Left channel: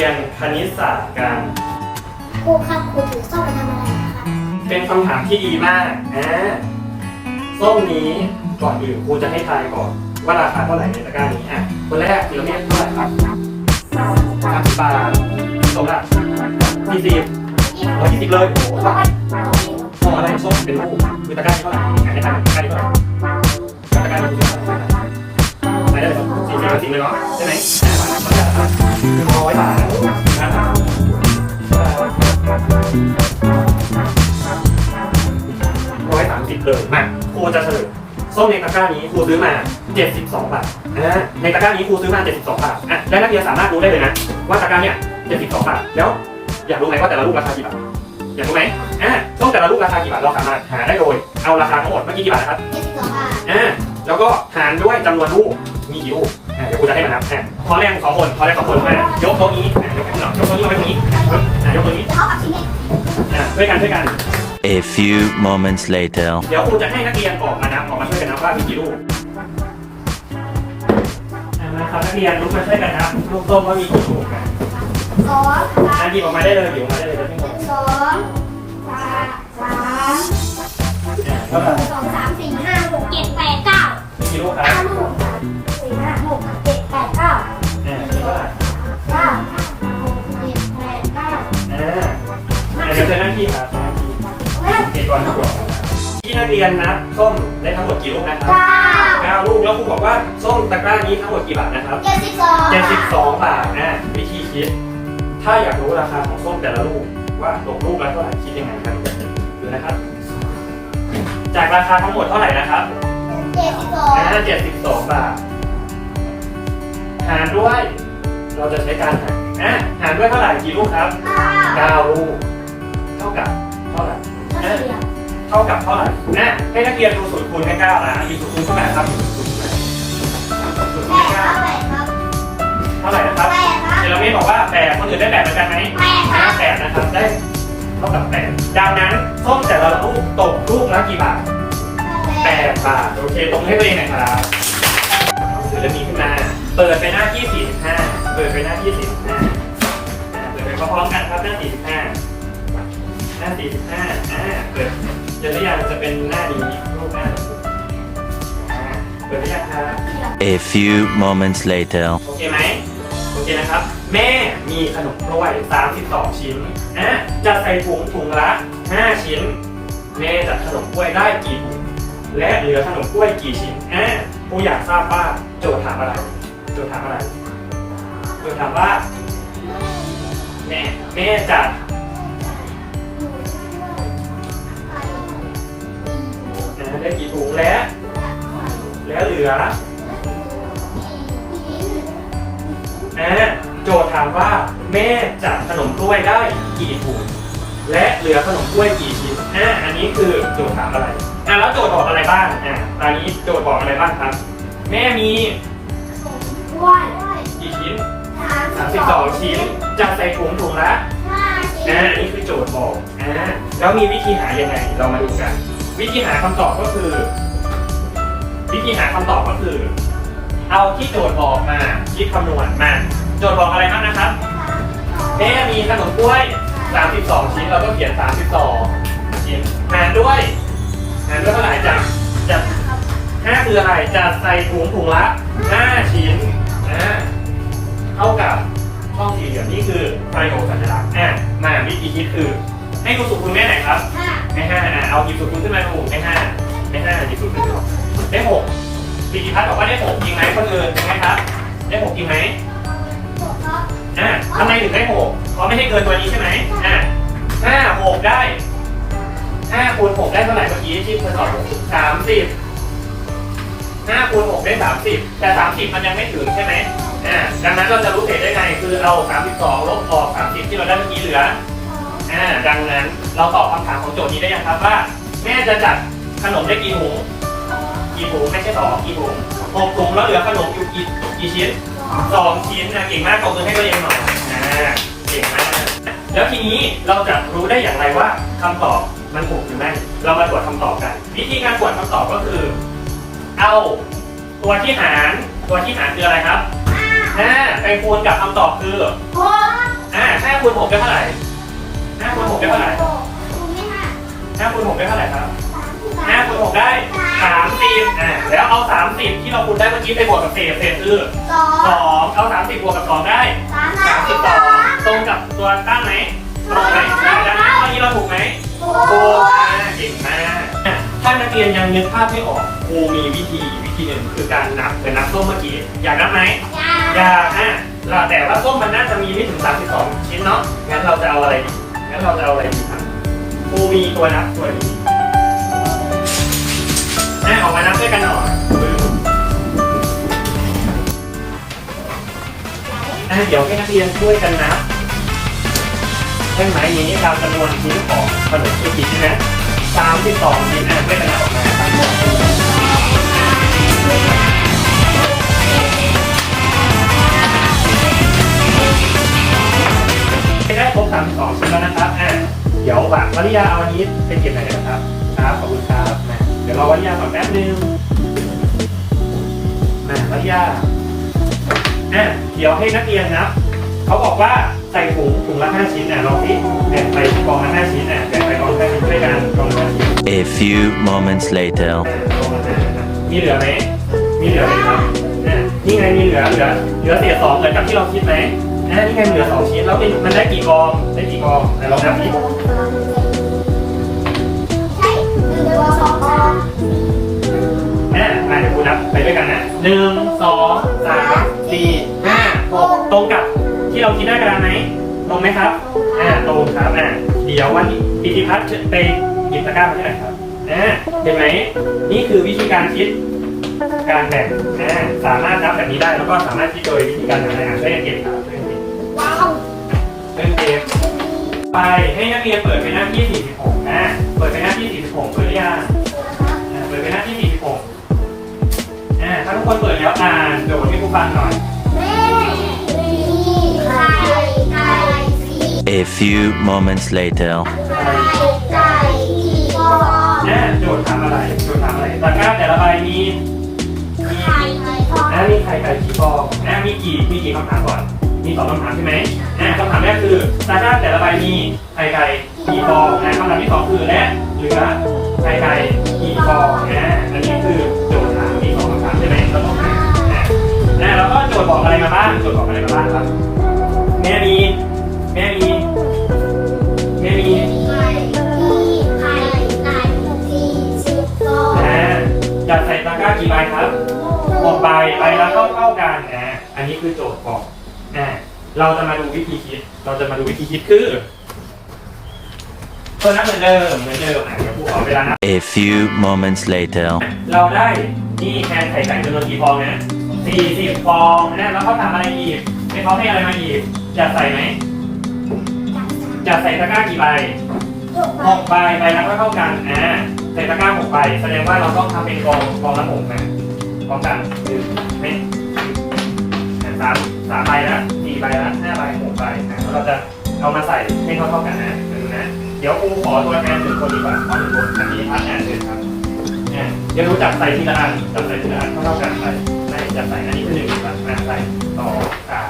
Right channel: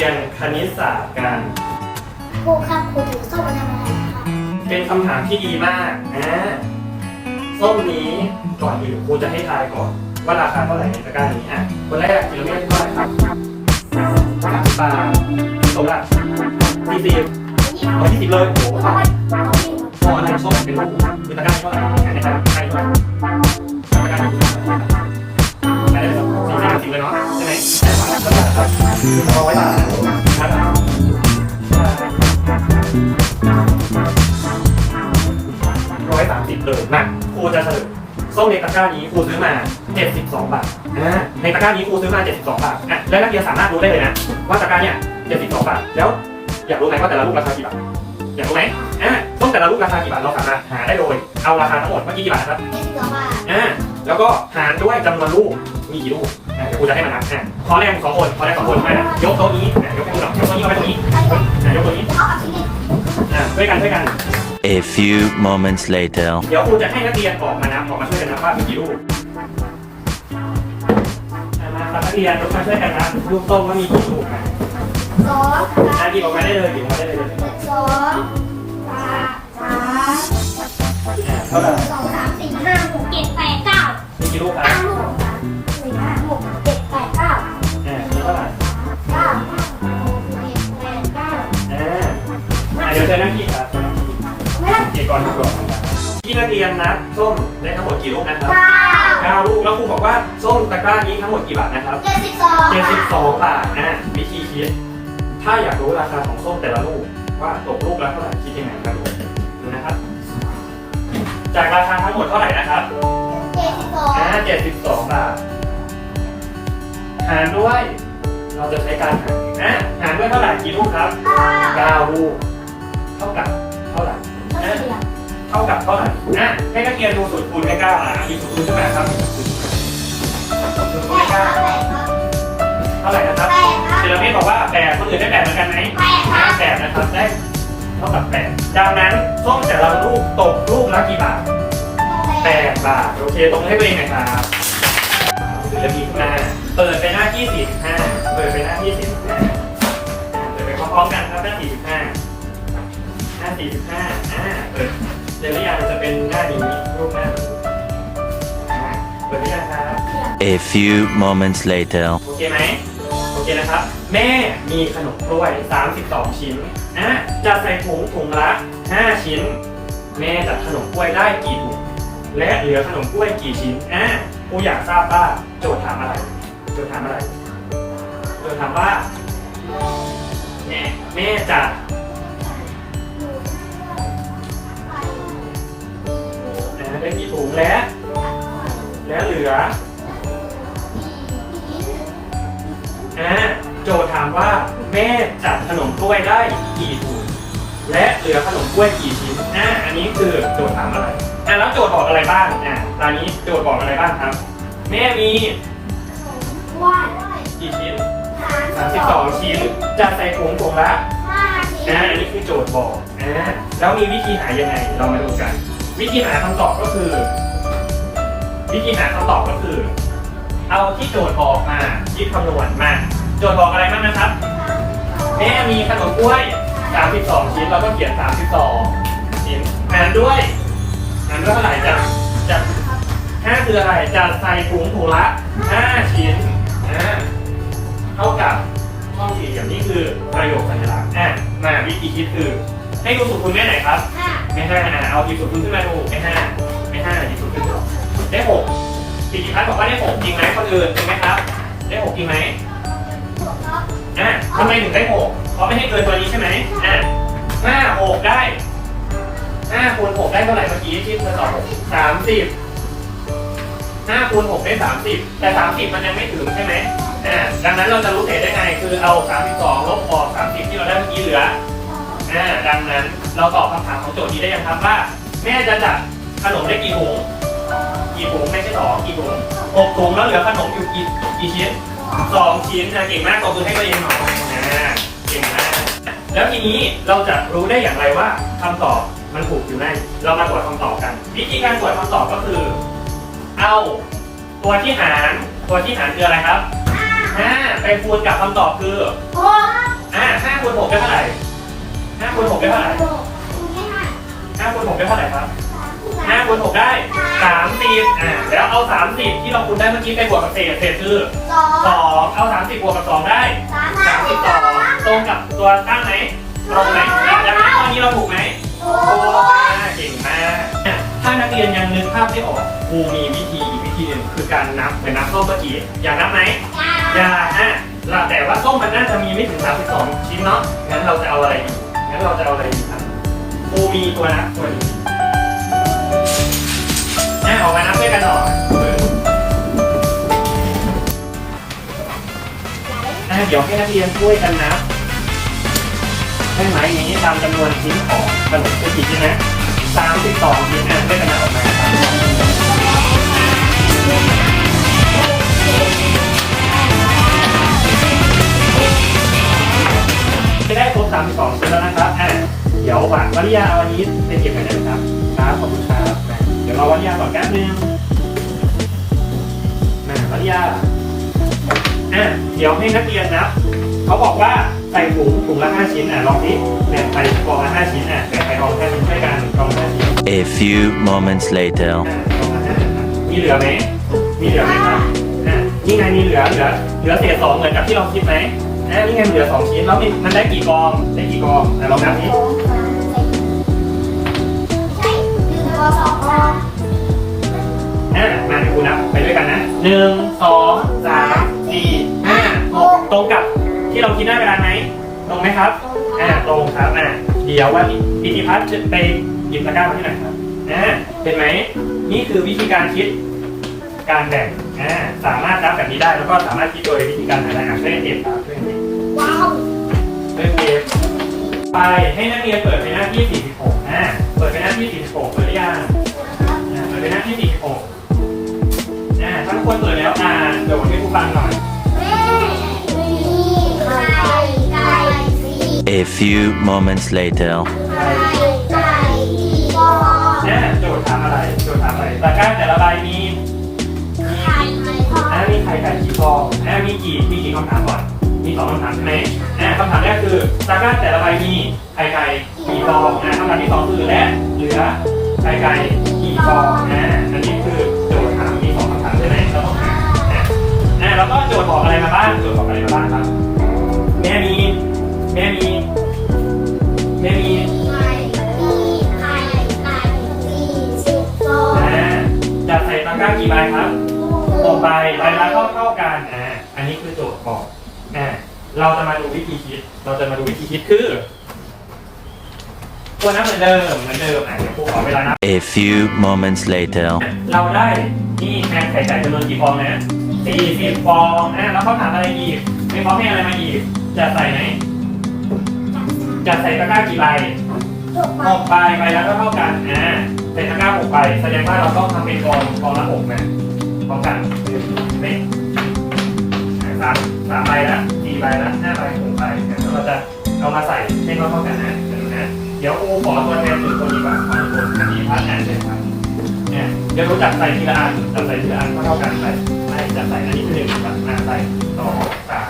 เราจะมาเรียนคณิตศาสตร์กัน ครูครับครูถือส้มมาทำอะไรครับเป็นคำถามที่ดีมากอ่าส้มนี้ก่อนอื่นครูจะให้ทายก่อน ว่าราคาเท่าไหร่ในตะกร้านี้อะคนแรกคือเราเรียกเท่าไหร่ครับสามสิบบาทตรงละยี่สิบร้อยยี่สิบเลยโอ้โหมองอะไรส้มเป็นลูกคือตะกร้าเท่าไหร่ในตะกร้าตะกร้าเท่าไหร่ตะกร้านี้เท่าไหร่ไปได้เลยครับสี่สิบสี่เลยเนาะใช่ไหม ร้อยสามสิบเลยมาครูจะเฉลยส้มในตะกร้านี้ครูซื้อมา 72 บาทอ่าในตะกร้านี้ครูซื้อมา 72 บาทอะและนักเรียนสามารถรู้ได้เลยนะ ว่าตะกร้าเนี่ย 72 บาท แล้ว อยากรู้ไหมว่าแต่ละลูกราคากี่บาท อยากรู้ไหมอ่าส้มแต่ละลูกราคากี่บาท เราสามารถหาได้โดย เอาราคาทั้งหมดเมื่อกี้กี่บาทครับยี่สิบสองบาทอ่าแล้วก็หารด้วยจำนวนลูก มีกี่ลูกอ่าเดี๋ยวครูจะให้มานับอ่า ขอแรงสองคนขอแรงสองคนด้วยนะยกโต๊ะนี้อ่ายกแค่สองยกโต๊ะนี้เอาไปตรงนี้อ่ายกตัวนี้เท่ากับชิ้นนี้อ่าช่วยกันช่วยกัน A few moments later. เดี๋ยวครูจะให้นักเรียนออกมานับออกมาช่วยกันนับว่ามีกี่ลูกอะมาครับนักเรียนยกมาช่วยกันนับลูกโต้ว่ามีกี่ลูกกันสองอะหยิบออกมาได้เลยหยิบออกมาได้เลยเดี๋ยวพี่บอกสองสามสามเท่าไหร่สองสาม ที่ครับใช้หน้าที่ไม่ต้องกี่ก่อนทุกคนที่นักเรียนนับส้มได้ทั้งหมดกี่ลูกนะครับเก้าเก้าลูกแล้วครูบอกว่าส้มตะกร้านี้ทั้งหมดกี่บาทนะครับเจ็ดสิบสองเจ็ดสิบสองบาทอะวิธีคิด ถ้าอยากรู้ราคาของส้มแต่ละลูกว่าตกลูกละเท่าไหร่คิดยังไงกันดูนะครับ จากราคาทั้งหมดเท่าไหร่นะครับเจ็ดสิบสองอ่าเจ็ดสิบสองบาทหารด้วย เราจะใช้การหารอ่าหารด้วยเท่าไหร่กี่ลูกครับเก้าเก้าลูก เท่าเดียวเท่ากับเท่าไหร่อะให้นักเรียนดูสูตรคูณให้เก้าอะมีสูตรคูณใช่ไหมครับสูตรคูณแปให้ดคเก้ารับแปดครับเท่าไหร่นะครับแปดครับเซรามิดบอกว่าแปดคนอื่นได้แปดเหมือนกันไหมแปดคห้ารับแปดนะครับได้เท่ากับแปดดังนั้นส้มแต่ละลูกตกลูกละกี่บาทแปดบาทโอเคตรงให้ตัวเองหนะครับเดี๋ยวจะมีขึ้นมาเปิดไปหน้าที่สี่สิบห้าเปิดไปหน้าที่สี่สิบห้าเปิดไปพร้อมๆกันครับหน้าสี่สิบห้าหน้าสี่สิบห้าอ่าเปิดเดี๋ยวหรือยังจะเป็นหน้านี้รูปหน้าอ่าเปิดหรือยังครับ A few moments later. โอเคไหมโอเคนะครับ แม่มีขนมกล้วย 32 ชิ้นอะจะใส่ถุงถุงละ 5 ชิ้น แม่จัดขนมกล้วยได้กี่ถุงและเหลือขนมกล้วยกี่ชิ้นอะกูอยากทราบว่าโจทย์ถามอะไร โจทย์ถามอะไร โจทย์ถามว่า แม่แม่จัด ได้กี่ถุงและแล้วเหลืออ่าโจทย์ถามว่าแม่จัดขนมกล้วยได้กี่ถุงและเหลือขนมกล้วยกี่ชิ้นอ่าอันนี้คือโจทย์ถามอะไรอ่าแล้วโจทย์บอกอะไรบ้างอ่าตอนนี้โจทย์บอกอะไรบ้างครับ แม่มีว่ากี่ชิ้นสาม32ชิ้นจัดใส่ถุงถุงละห้าชิ้อ่านอันนี้คือโจทย์บอกอ่าแล้วมีวิธีหายังไง เรามาดูกัน วิธีหาคำตอบก็คือ วิธีหาคำตอบก็คือ เอาที่โจทย์บอกมาคิดคำนวณมา โจทย์บอกอะไรบ้างนะครับแม่มีขนมกล้วย 32 ชิ้นเราก็เขียน 32 ชิ้นหารด้วยหารด้วยเท่าไหร่จากจาก5คืออะไรจะใส่ถุงถุงละ 5 ชิ้นอ่าเท่ากับช่องสี่เหลี่ยมนี่คือประโยคสัญลักษณ์อะมาวิธีคิดคือ ให้ดูสูตรคูณแม่ไหนครับ ห้าไม่ห้าอะเอากี่สูตรคูขึ้นมาดูไม่ห้าไม่ห้ากี่สูตรขึ้นได้หกปีกิพัฒน์บอกว่าได้หกจริงไหมคนอื่นจริงไหมครับ ได้หกจริงไหมอะทำไมถึงได้หกเพราะไม่ให้เกินตัวนี้ใช่ไหมอะห้าหกได้ห้าคูณหกได้เท่าไหร่เมื่อกี้ที่เธอตอบสามสิบห้าคูณหกได้สามสิบแต่สามสิบมันยังไม่ถึงใช่ไหมอ่าดังนั้นเราจะรู้เศษได้ไง คือเอาสามสิบสองลบออกสามสิบที่เราได้เมื่อกี้เหลือ อ่าดังนั้นเราตอบคำถามของโจทย์นี้ได้ยังครับว่า แม่จะจัดขนมได้กี่ถุงกี่ถุงไม่ใช่สองกี่ถุงหกถุงแล้วเหลือขนมอยู่กี่กี่ชิ้นสองชิ้นนะเก่งมากขอบคุณให้ตัวเองหน่อยนะเก่งมากแล้วทีนี้เราจะรู้ได้อย่างไรว่าคำตอบมันถูกหรือไม่เรามาตรวจคำตอบกัน วิธีการตรวจคำตอบก็คือ เอาตัวที่หารตัวที่หารคืออะไรครับห้าห้าไปคูณกับคำตอบคือหกอ่าห้าคูณหกได้เท่าไหร่ ห้าคูณหกได้เท่าไหร่หกนี่ค่ะห้าคูณหกได้เท่าไหร่ครับห้าคูณหกได้สามสิบอ่าแล้วเอาสามสิบที่เราคูณได้เมื่อกี้ไปบวกกับเศษเศษคือสองสองเอาสามสิบบวกกับสองได้สามสามสิบสองตรงกับตัวตั้งไหมตรงไหมอ่าแล้วข้อนี้เราถูกไหมหโอ้กเก่งมากถ้านักเรียนยังนึกภาพไม่ออกครูมีวิธีอีกวิธีหนึ่งคือการนับเป็นนับส้มเมื่อกี้อยากนับไหมยาอยากอะเราแต่ว่าส้มมันน่าจะมีไม่ถึง32ชิ้นเนาะงั้นเราจะเอาอะไรดี เราจะเอาอะไรดีครับกูมีตัวนับตัวนี้อ่ออกมานับด้วยกันหน่อยนะเดี๋ยวให้นักเรียนช่วยกันนับใช่ไหมอย่างนี้ตามจำนวนชิ้นของขนมคุกกี้ใช่ไหมตามที่สองนี้นะได้กันนับออกมา วฝากวริยาเอาอันนี้ไปเก็บหน่อยนะครับ ครับขอบคุณครับแม่เดี๋ยวรอวริยาก่อนแป๊บนึงแม่วริยาอะเดี๋ยวให้นักเรียนนะเขาบอกว่าใส่ถุงถุงละห้าชิ้นอะลองที่แบ่งไปกองละห้าชิ้นอะแบ่งไปกองละห้าชิ้นด้วยกันกองละห้าชิ้น A few moments later. มีเหลือไหมมีเหลือไหมครับอะนี่ไงมีเหลือเหลือเหลือเศษสองเหมือนกับที่เราคิดไหมอะนี่ไงเหลือสองชิ้นแล้วมันมันได้กี่กองได้กี่กองแต่ลองนับนี้ หนึ่งสองสามสี่ห้าหกตรงกับที่เราคิดได้เวลาไหมตรงไหมครับอ่าตรงครับอ่าเดี๋ยววันนี้ปิติพัฒน์จะไปหยิบตะกร้ามาที่ไหนครับอ่าเป็นไหมนี่คือวิธีการคิดการแบ่งอ่าสามารถนับแบบนี้ได้แล้วก็สามารถคิดโดยวิธีการทำงานช่วยกันเก็บครับช่วยกันเก็บว้าวช่วยกันเก็บไปให้นักเรียนเปิดไปหน้าที่46อ่าเปิดไปหน้าที่46เปิดหรือยังอ่าเปิดไปหน้าที่46อ่าถ้าทุก คนเปิดแล้วอ่านเดี๋ยวให้ผู้ฟังหน่อยแม่มีไข่ไก่สี A few moments later. ไข่ไก่ที่ฟองอ่าโจทย์ถามอะไรโจทย์ถามอะไรตะกร้าแต่ละใบมีไข่ฟองอ่ามีไข่ไก่กี่ฟองอ่ามีกี่มีกี่คำถามก่อนมีสองคำถามใช่ไหมอ่าคำถามแรกคือตะกร้าแต่ละใบมีไข่ไก่กี่ฟองอ่าคำถามที่สองคือและเหลือไข่ไก่ อกอะไรมาบ้างโจทย์บอกอะไรมาบ้างครับ แม่มี แม่มี แม่มีไข่มีไข่ไก่สี่สิบฟองอ่าจะใส่ตะกร้ากี่ใบครับหกใบใบละก็เท่ากันอ่าอันนี้คือโจทย์บอกอ่าเราจะมาดูวิธีคิด เราจะมาดูวิธีคิดคือตัวนับเหมือนเดิมเหมือนเดิมอะเดี๋ยวครูขอเวลานับ A few moments later. เราได้นี่แทนไข่ไก่จำนวนกี่ฟองนะ สี่สิบฟองนะแล้วเขาถามอะไรอีกไม่เขาให้อะไรมาอีกจะใส่ไหมจะใส่ตะกร้ากี่ใบถูกหกใบใบละก็เท่ากันอ่าใส่ตะกร้าหกใบแสดงว่าเราต้องทำเป็นกองกองละหกนะกองกันคือเป็นสามสามใบละสี่ใบละห้าใบหกใบนะแล้วเราจะเอามาใส่ให้เท่าเท่าๆกันนะเดี๋ยวนะเดี๋ยวครูขอตัวแทนหนึ่งคนดีกว่าขอหนึ่งคนอันนี้พัดอ่านเลยครับอ่าเดี๋ยวรู้จักใส่ทีละอันจับใส่ทีละอันเท่าเท่าๆกันไปใส่ จับใส่อันนี้คือหนึ่งจับมาใส่สองสาม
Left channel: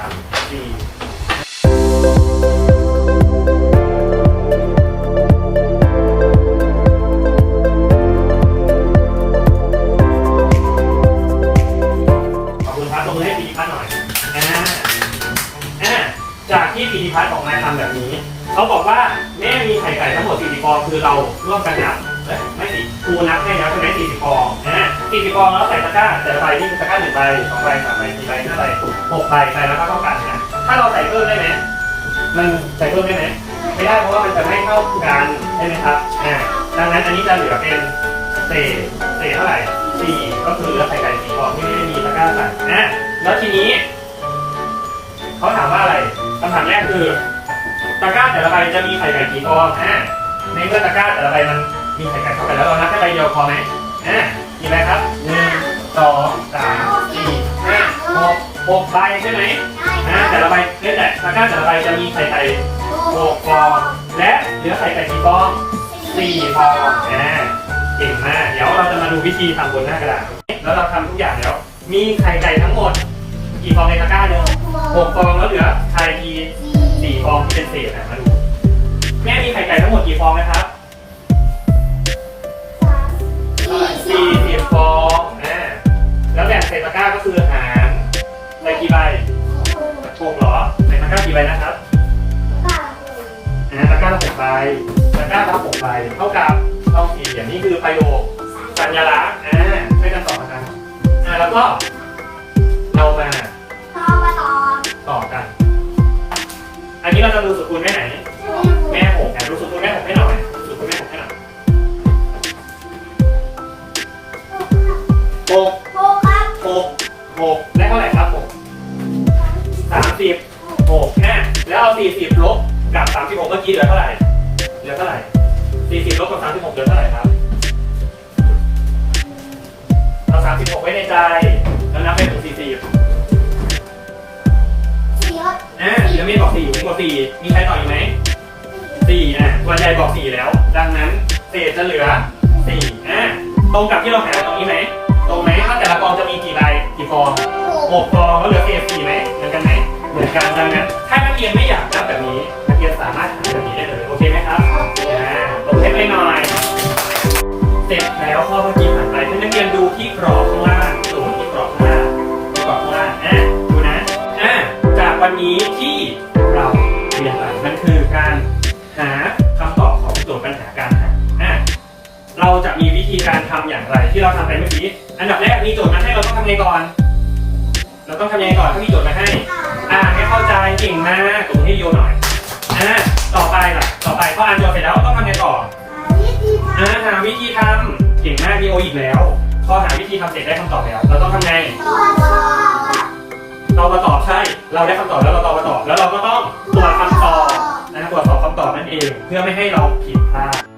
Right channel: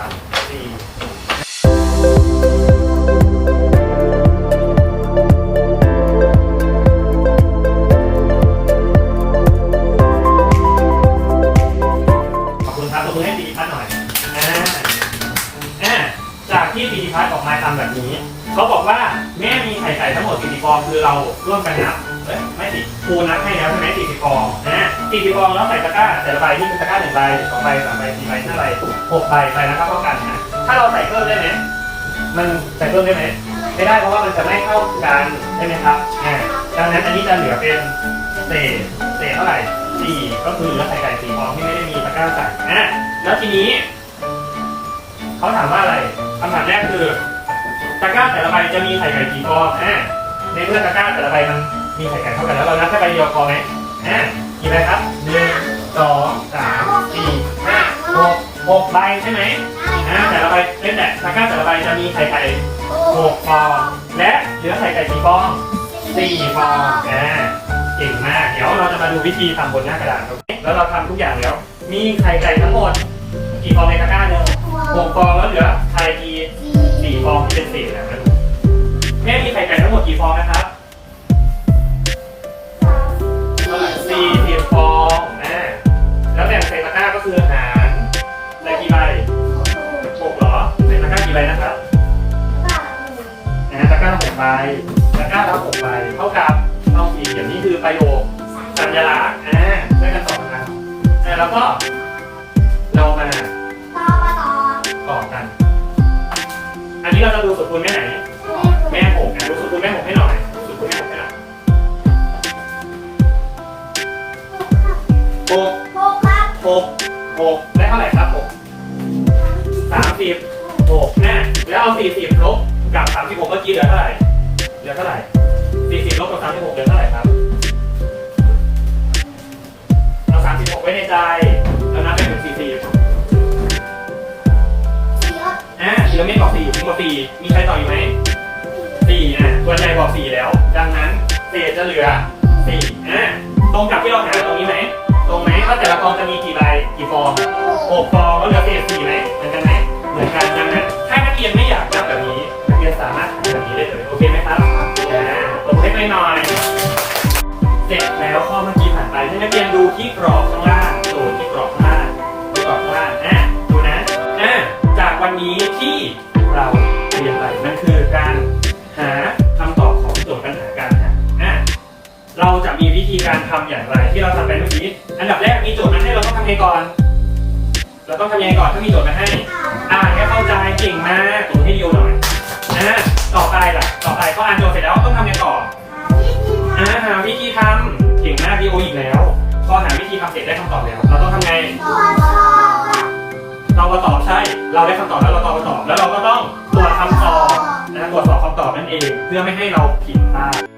หกใบใบแล้วก็เท่ากันนะถ้าเราใส่เพิ่มได้ไหมมันใส่เพิ่มได้ไหมไม่ได้เพราะว่ามันจะไม่เข้ากันใช่ไหมครับอ่าดังนั้นอันนี้จะเหลือเป็นเศษเศษเท่าไหร่สี่ก็คือเหลือไข่ไก่สี่ฟองที่ไม่ได้มีตะกร้าใส่นะแล้วทีนี้เขาถามว่าอะไรคำถามแรกคือตะกร้าแต่ละใบจะมีไข่ไก่กี่ฟองอ่าในเมื่อตะกร้าแต่ละใบมันมีไข่ไก่เท่ากันแล้วเรานับแค่ใบเดียวพอไหมอ่ามีไหมครับหนึ่งสองสามสี่ห้าหก หกใบใช่ไหมอ่าแต่ละใบเล่นแต่ตะกร้าแต่ละใบจะมีไข่ไก่หกฟองและเหลือไข่ไก่กี่ฟองสี่ฟองอ่าเก่งมากเดี๋ยวเราจะมาดูวิธีทำบนหน้ากระดาษแล้วเราทำทุกอย่างแล้ว มีไข่ไก่ทั้งหมดกี่ฟองในตะกร้าดูหกฟองแล้วเหลือไข่กี่สี่ฟองที่เป็นเศษนะมาดูแม่มีไข่ไก่ทั้งหมดกี่ฟองนะครับ นนี้เราจะดูสุดคูณแม่ไหน แม่หกนะดูสุดคูณแม่หกให้หน่อยสุดคูณแม่หกให้หน่อยหกหกหกได้เท่าไหร่ครับหกสามสิบหกนะแล้วเอาสี่สิบลบกับสามสิบหกเมื่อกี้เหลือเท่าไหร่เหลือเท่าไหร่สี่สิบลบกับสามสิบหกเหลือเท่าไหร่ครับเอาสามสิบหกไว้ในใจ 4 แล้ว ดังนั้นเศษจะเหลือ4อะตรงกับที่เราหาตรงนี้ไหมตรงไหมว่าแต่ละกองจะมีกี่ใบกี่ฟองหกฟองก็เหลือเศษ4ไหมเหมือนกันไหมเหมือนกันดังนั้นถ้านักเรียนไม่อยากนับแบบนี้นักเรียนสามารถทำแบบนี้ได้เลยโอเคไหมครับอ่าโอเคไหมหน่อยเสร็จแล้วข้อเมื่อกี้ผ่านไปให้นักเรียนดูที่กรอบข้างล่าง ธีการทำอย่างไรที่เราทำไปเมื่อกี้ อันดับแรกมีโจทย์มาให้เราต้องทำยังไงก่อน เราต้องทำยังไงก่อนถ้ามีโจทย์มาให้ อ่านให้เข้าใจเก่งมากตรงให้เดียวหน่อยอะต่อไปล่ะ ต่อไปพออ่านโจทย์เสร็จแล้วต้องทำยังไงต่ออ่าหาวิธีทำเก่งมากดีโออีกแล้ว พอหาวิธีทำเสร็จได้คำตอบแล้ว เราต้องทำไง เรามาตอบใช่ เราได้คำตอบแล้วเราตอบมาตอบแล้วเราก็ต้องตรวจคำตอบนะตรวจสอบคำตอบนั่นเอง เพื่อไม่ให้เราผิดพลาด